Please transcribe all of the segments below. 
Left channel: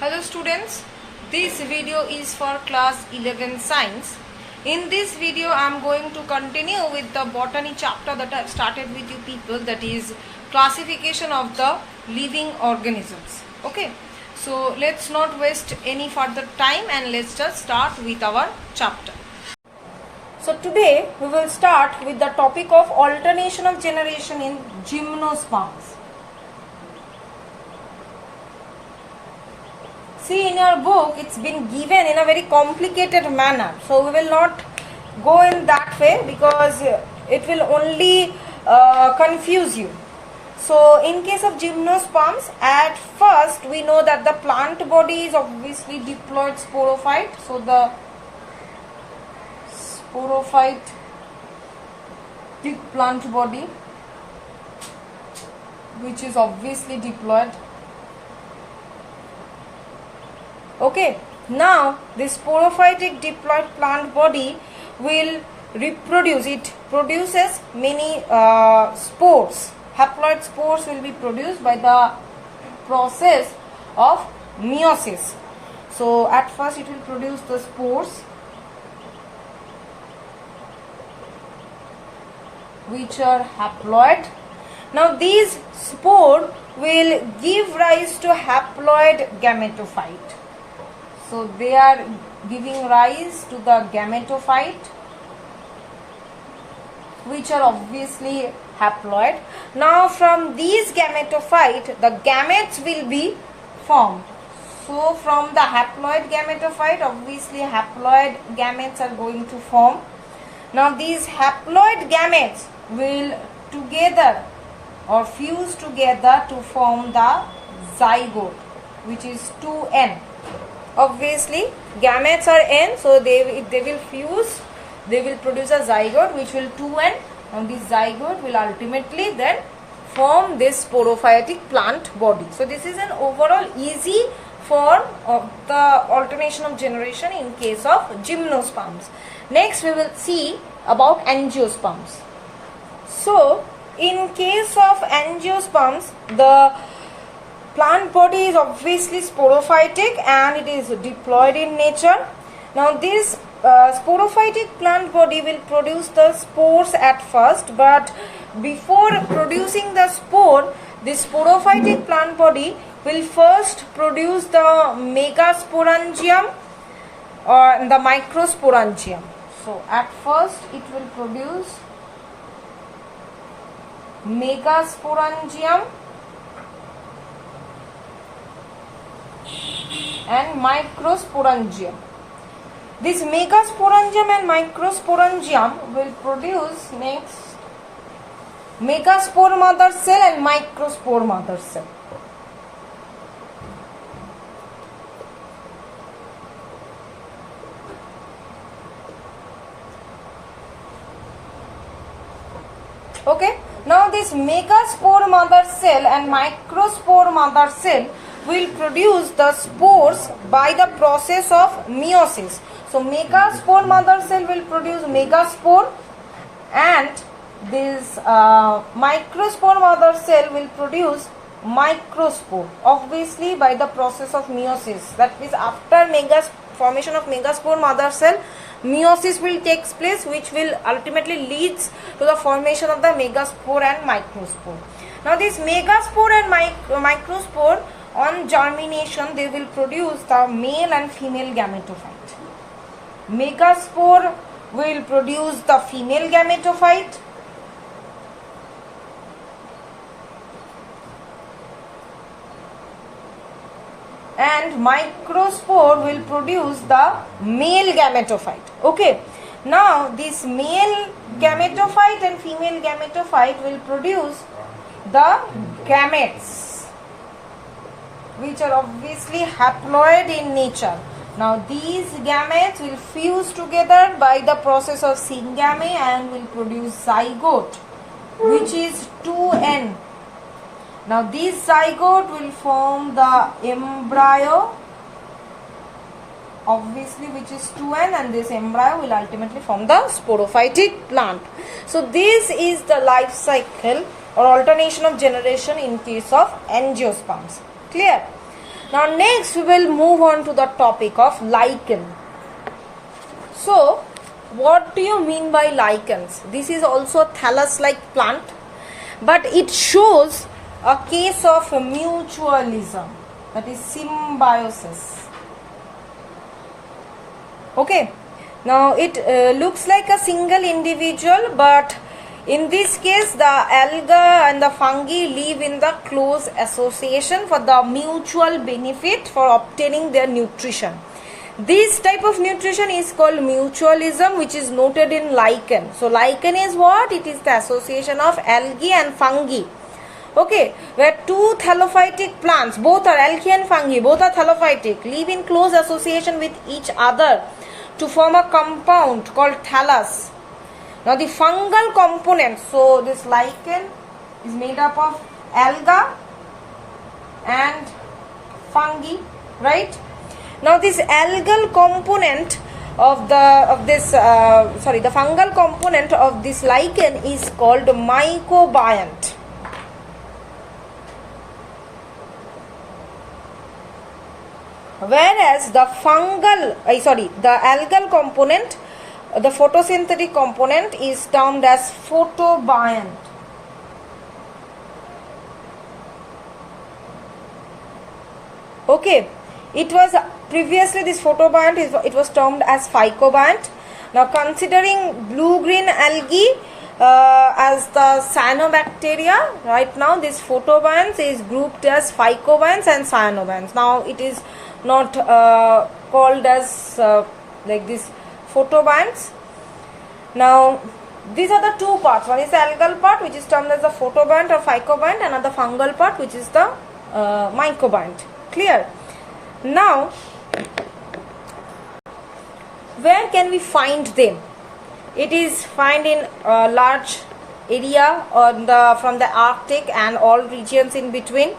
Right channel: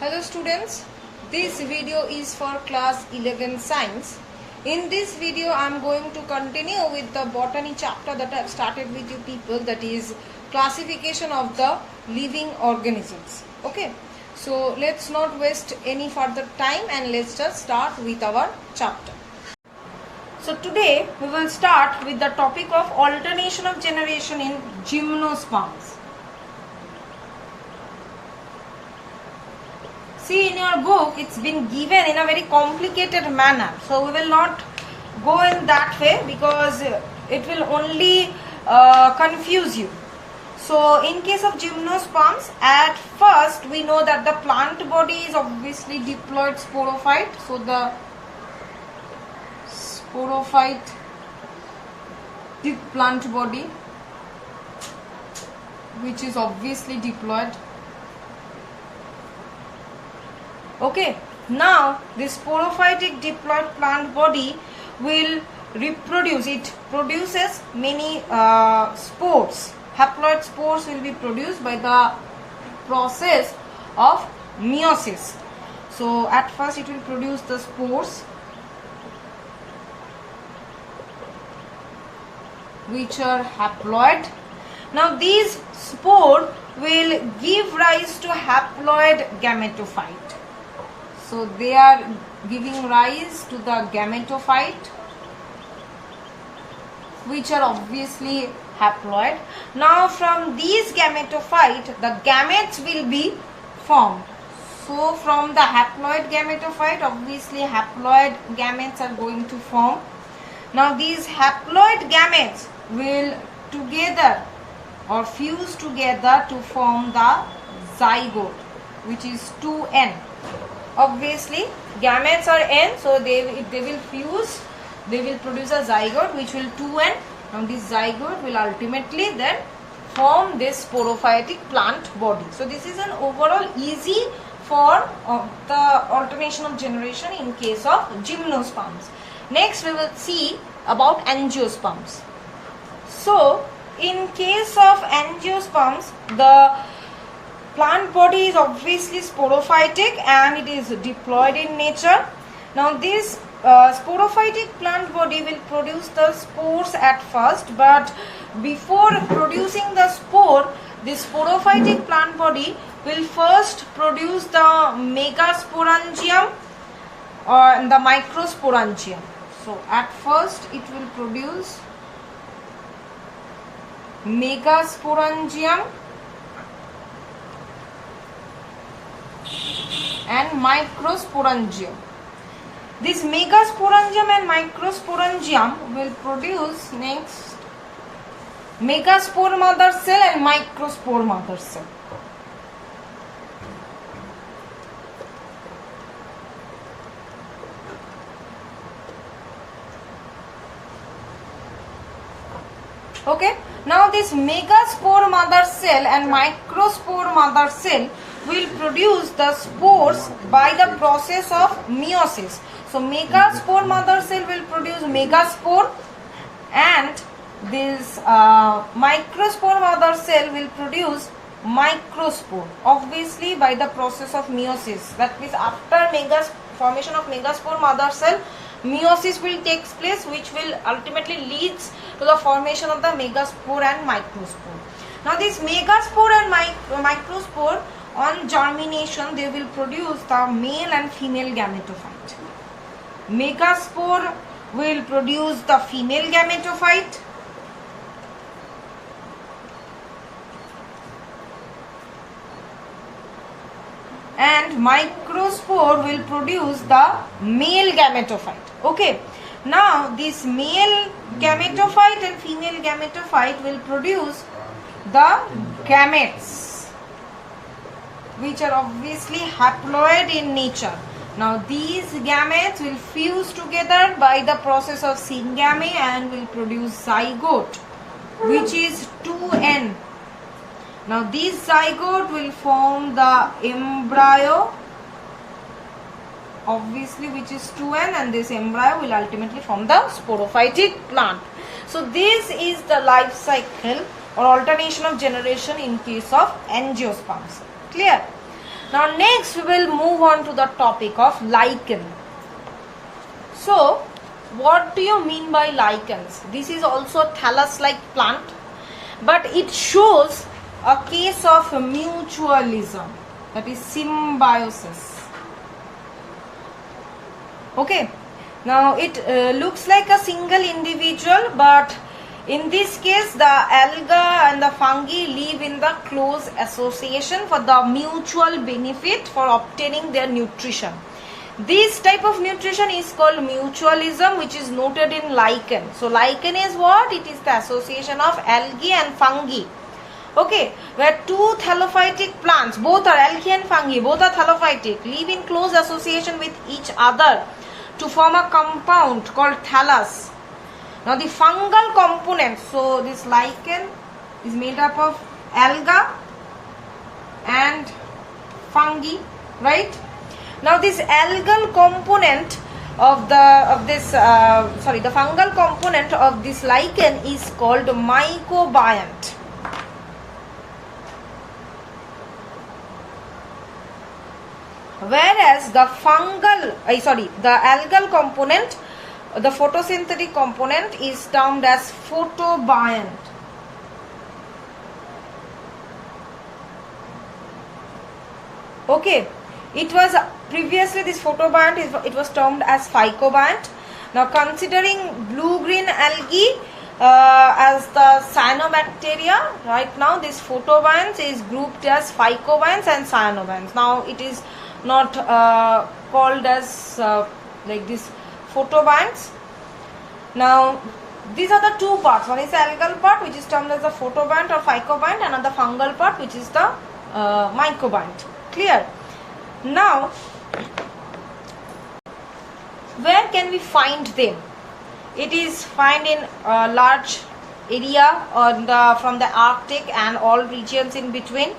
Hello students, this video is for class 11 science. In this video I am going to continue with the botany chapter that I have started with you people, that is classification of the living organisms. Okay, so let's not waste any further time and let's just start with our chapter. So today we will start with the topic of alternation of generation in gymnosperms. See, in your book it's been given in a very complicated manner, so we will not go in that way because it will only confuse you. So in case of gymnosperms, at first we know that the plant body is obviously diploid sporophyte. So the sporophyte plant body, which is obviously diploid. Okay, now this sporophytic diploid plant body will reproduce. It produces many spores. Haploid spores will be produced by the process of meiosis. So at first it will produce the spores, which are haploid. Now these spores will give rise to haploid gametophyte. So they are giving rise to the gametophyte, which are obviously haploid. Now from these gametophyte, the gametes will be formed. So from the haploid gametophyte, obviously haploid gametes are going to form. Now these haploid gametes will together or fuse together to form the zygote, which is 2n. Obviously gametes are n, so they will fuse, they will produce a zygote which will 2n. Now this zygote will ultimately then form this sporophytic plant body. So this is an overall easy form of the alternation of generation in case of gymnosperms. Next we will see about angiosperms. So in case of angiosperms, the plant body is obviously sporophytic and it is diploid in nature. Now this sporophytic plant body will produce the spores at first, but before producing the spore, this sporophytic plant body will first produce the megasporangium or the microsporangium. So at first it will produce megasporangium and microsporangium. This megasporangium and microsporangium will produce next megaspore mother cell and microspore mother cell. Okay, now this megaspore mother cell and microspore mother cell will produce the spores by the process of meiosis. So megaspore mother cell will produce megaspore and this microspore mother cell will produce microspore, obviously by the process of meiosis. That means after formation of megaspore mother cell, meiosis will take place, which will ultimately leads to the formation of the megaspore and microspore. Now this megaspore and microspore, on germination they will produce the male and female gametophyte. Megaspore will produce the female gametophyte and microspore will produce the male gametophyte. Okay, now this male gametophyte and female gametophyte will produce the gametes, which are obviously haploid in nature. Now these gametes will fuse together by the process of syngamy and will produce zygote, which is 2n. Now this zygote will form the embryo, obviously, which is 2n, and this embryo will ultimately form the sporophytic plant. So this is the life cycle or alternation of generation in case of angiosperms. Clear? Now next we will move on to the topic of lichen. So what do you mean by lichens? This is also a thallus-like plant, but it shows a case of mutualism, that is symbiosis. Okay, now it looks like a single individual, but in this case the alga and the fungi live in the close association for the mutual benefit for obtaining their nutrition. This type of nutrition is called mutualism, which is noted in lichen. So lichen is what? It is the association of algae and fungi. Okay, where two thallophytic plants, both are algae and fungi, both are thallophytic, live in close association with each other to form a compound called thallus. Now the fungal component, so this lichen is made up of alga and fungi, right? Now this algal component of the fungal component of this lichen is called mycobiont. Whereas the algal component, the photosynthetic component, is termed as photobiont. Okay, it was previously this photobiont, it was termed as phycobiont. Now considering blue-green algae as the cyanobacteria, right now this photobionts is grouped as phycobionts and cyanobionts. Now it is not called as like this photobionts. Now these are the two parts. One is the algal part, which is termed as the photobiont or phycobiont, and the fungal part, which is the mycobiont. Clear? Now, where can we find them? It is found in a large area from the Arctic and all regions in between.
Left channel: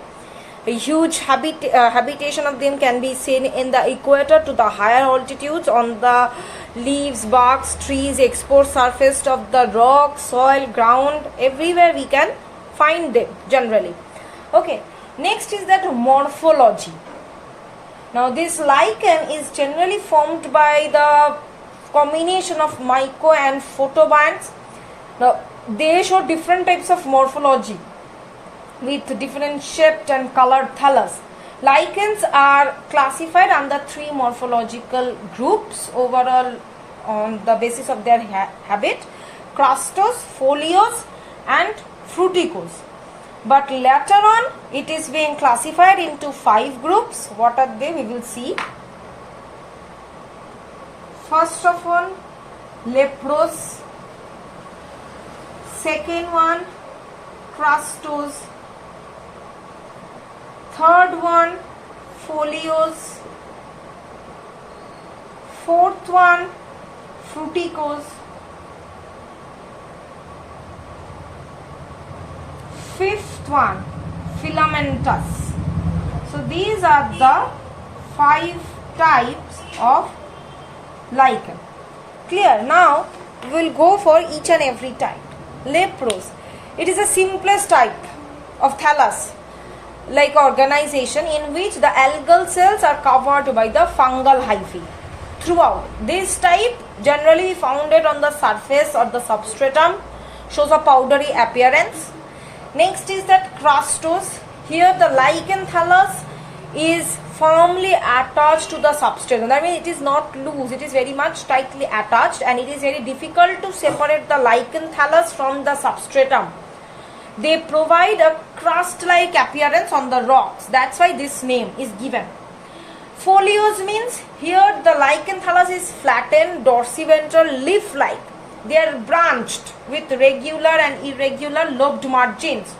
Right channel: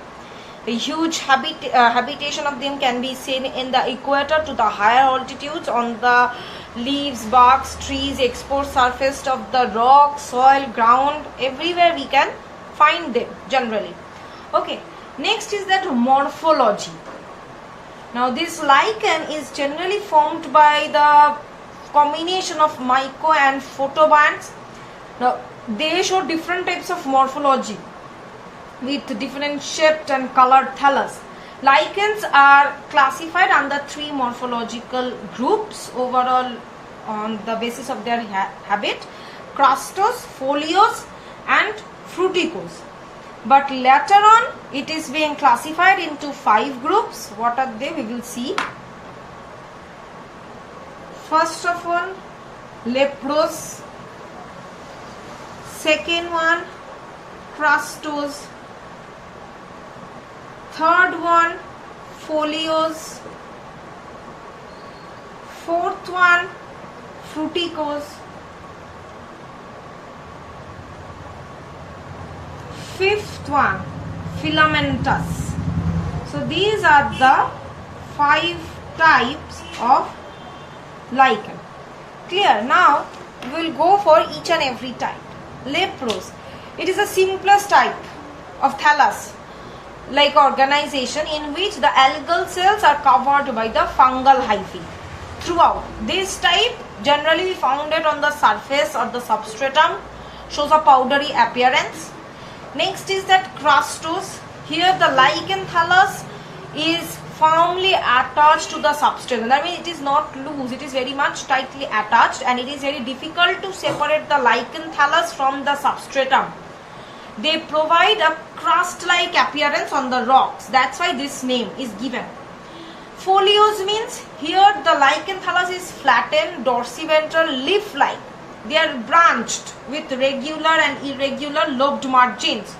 A huge habitation of them can be seen in the equator to the higher altitudes, on the leaves, barks, trees, exposed surface of the rock, soil, ground, everywhere we can find them generally. Okay, next is that morphology. Now this lichen is generally formed by the combination of myco and photobionts. Now they show different types of morphology with different shaped and colored thallus. Lichens are classified under three morphological groups overall on the basis of their habit: crustose, foliose and fruticose. But later on it is being classified into 5 groups. What are they? We will see. First of all, leprose. Second one, crustose. Third one, foliose. Fourth one, fruticose. Fifth one, filamentous. So these are the 5 types of lichen. Clear? Now we will go for each and every type. Leprose. It is the simplest type of thallus like organization in which the algal cells are covered by the fungal hyphae throughout. This type generally founded on the surface or the substratum, shows a powdery appearance. Next is that crustose. Here the lichen thallus is firmly attached to the substratum. That means it is not loose, it is very much tightly attached, and it is very difficult to separate the lichen thallus from the substratum. They provide a crust-like appearance on the rocks. That's why this name is given. Foliose means here the lichen thallus is flattened, dorsiventral, leaf-like. They are branched with regular and irregular lobed margins,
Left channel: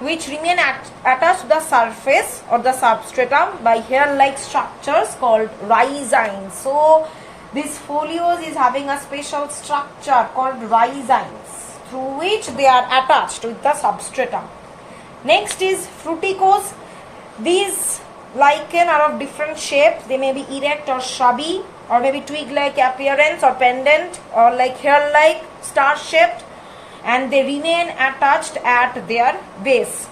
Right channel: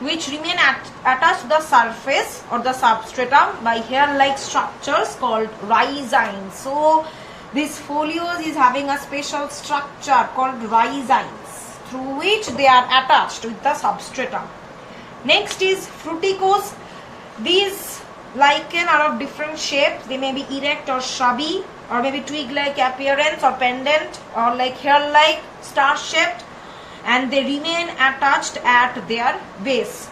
which remain attached to the surface or the substratum by hair-like structures called rhizines. So this foliose is having a special structure called rhizines, through which they are attached with the substratum. Next is fruticose. These lichen are of different shapes. They may be erect or shrubby, or maybe twig-like appearance, or pendant, or like hair-like, star-shaped, and they remain attached at their base.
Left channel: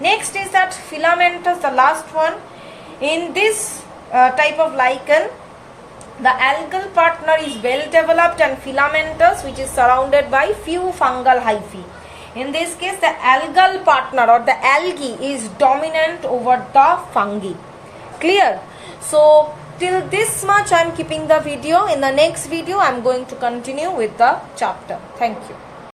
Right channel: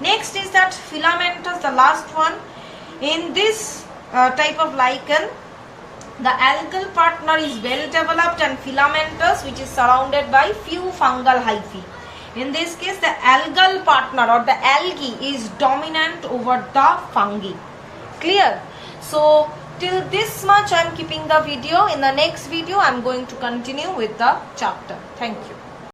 Next is that filamentous, the last one. In this type of lichen, the algal partner is well developed and filamentous, which is surrounded by few fungal hyphae. In this case, the algal partner or the algae is dominant over the fungi. Clear? So till this much I am keeping the video. In the next video I am going to continue with the chapter. Thank you.